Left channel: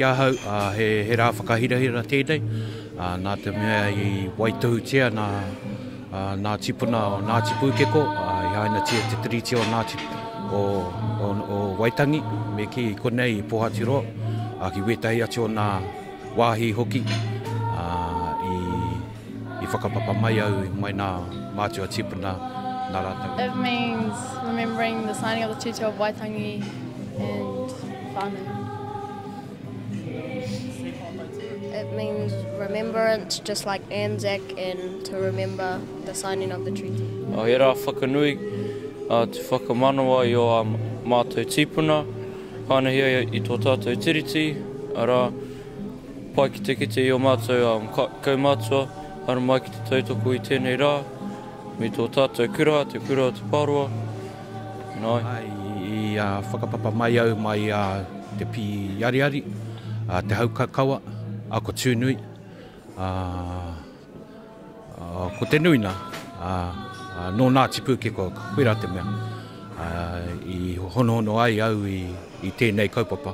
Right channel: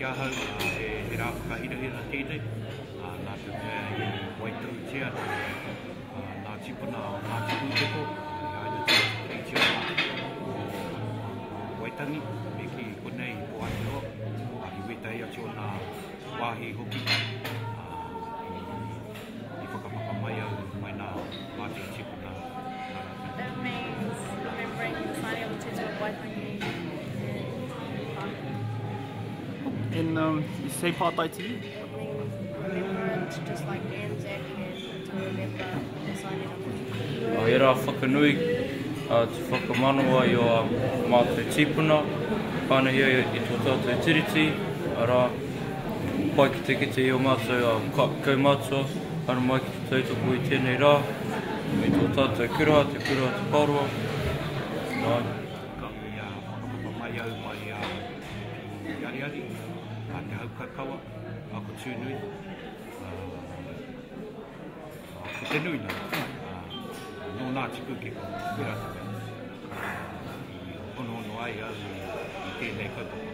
kia hau, he rā whakahirahira tēnei. Nā te mea I Waituhutia, nā tipuna o Ngāti Pūkeko, I haina tia te tiriti o Ngāti o Waitangi, me ki konei I Pohatiroa, ki wetahi atu o nā wāhi hoki, I whakapapa mai au mai nā mātua tipuna nā rātau. It means remembering the signing of the Treaty of Waitangi and founding. In say Pātaiti? It means remembrance, just like Anzac, and to remember the signing of the treaty. He rā whakanui, te whakamanoa I o mātou tīpuna, whanahia I tō tātou tiriti, rā pai ki te kite I o mātou kaumātua, hara mai ki te tautoko I tēnei rā, I tō tātou kura, te pārua. I whakapapa mai au mai te pi yariari, te haukakaua, a ko tūnui, ko te nui nā, no Ngāti Pūkeko, koe rā te mea, I hono ai au I tēnei kaupapa.